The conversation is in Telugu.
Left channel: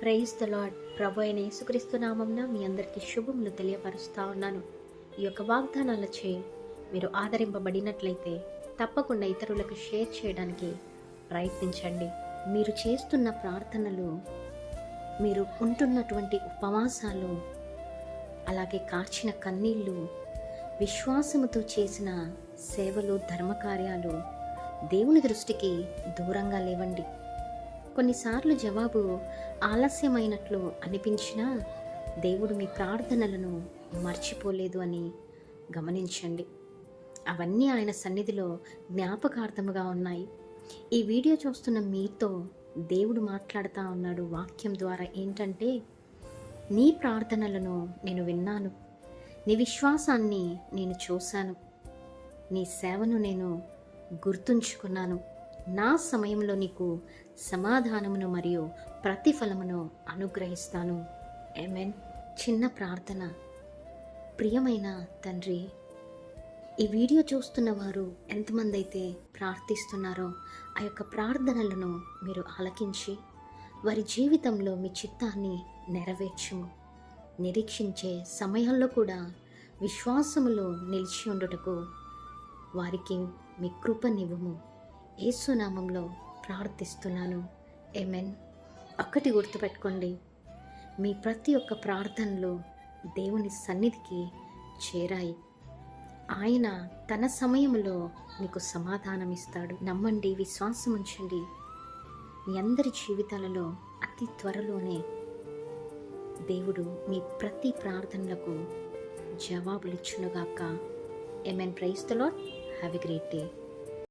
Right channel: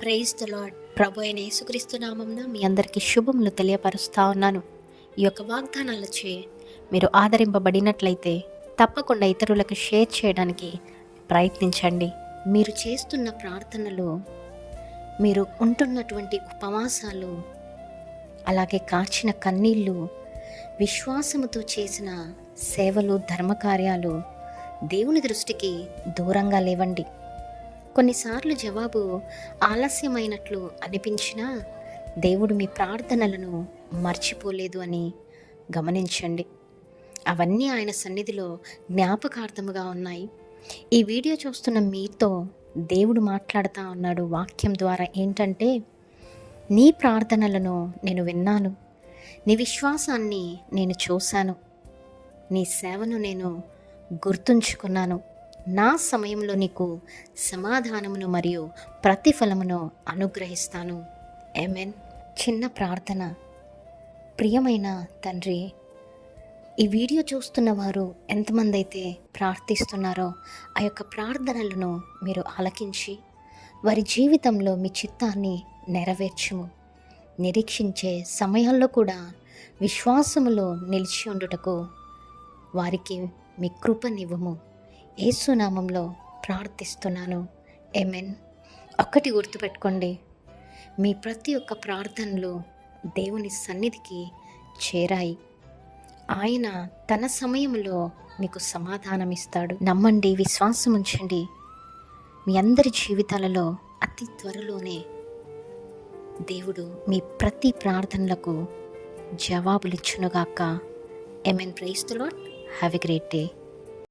Praise the lord. ప్రభు అయిన యేసుక్రీస్తు నామమున మీ అందరికీ శుభములు తెలియపరుస్తా ఉన్నాను. ఈ యొక్క వాగ్దానాలచే మీరు ఆదరింపబడినట్లయితే తప్పకుండా ఇతరులకు షేర్ చేయడానికి ప్రయత్నించండి. మీరు చేస్తున్న ప్రార్థనలు, మీరు ఉంటున్నటువంటి ఉపవాసాలు, అలాగే కార్చిన కన్నీళ్ళు, విశ్వాసముతో చేసిన సేవలు, ధర్మకార్యాలు దేవుని దృష్టికి దూరంగా లేవండి. కొన్నిసార్లు జవాబు ఆలస్యమైనట్లు అనిపించినా దేవుడు మీ ప్రార్థనలను మర్చిపోలేదు అని గమనించండి. అవన్నీ ఆయన సన్నిధిలో జ్ఞాపకార్థముగా ఉన్నాయి. ఈ వీడియో చూస్తున్న మీతో దేవుడు మాట్లాడుతూ ఉన్నాడు వాక్యం ద్వారా. ఏంటంటే, నీ ప్రార్థనలను నేను విన్నాను, నీ విశ్వాసాన్ని నేను చూశాను, నీ సేవను నేను గుర్తుంచుకున్నాను. నా సమయంలో నీకు సమాధానమును మరియు ప్రతిఫలమును అనుగ్రహిస్తాను. ఆమేన్. చిన్న ప్రార్థన. ప్రియమైన తండ్రి, ఈ వీడియో చూస్తున్న వారు ఎంతమంది అయితే ప్రార్థిస్తున్నారో ఆ యొక్క ప్రార్థనలను మీరు ఆలకించి వారి జీవితంలో మీ చిత్తాన్ని నెరవేర్చుము. నిరీక్షించే సమయాల్లో కూడా విశ్వాసములో నిలిచి ఉండుటకు వారికి మీ కృపనివ్వము. యేసు నామంలో ప్రార్థిస్తున్నాను. ఆమేన్. ఒక్కటి గుర్తుపెట్టుకోండి, మీ ప్రతి ఒక్క ప్రార్థనలు దేవుని సన్నిధికి చేరాయి. ఆయన తన సమయంలో మీకు సమాధానం ఇస్తాడు. నమ్మండి, విశ్వాసం ఉంచండి. మీ అందరి జీవితాలలో అతి త్వరలోనే దేవుడు మీ ప్రతి ప్రార్థనలకు జవాబులిచ్చునుగాక. ఆమేన్. Praise the Lord. Have a great day.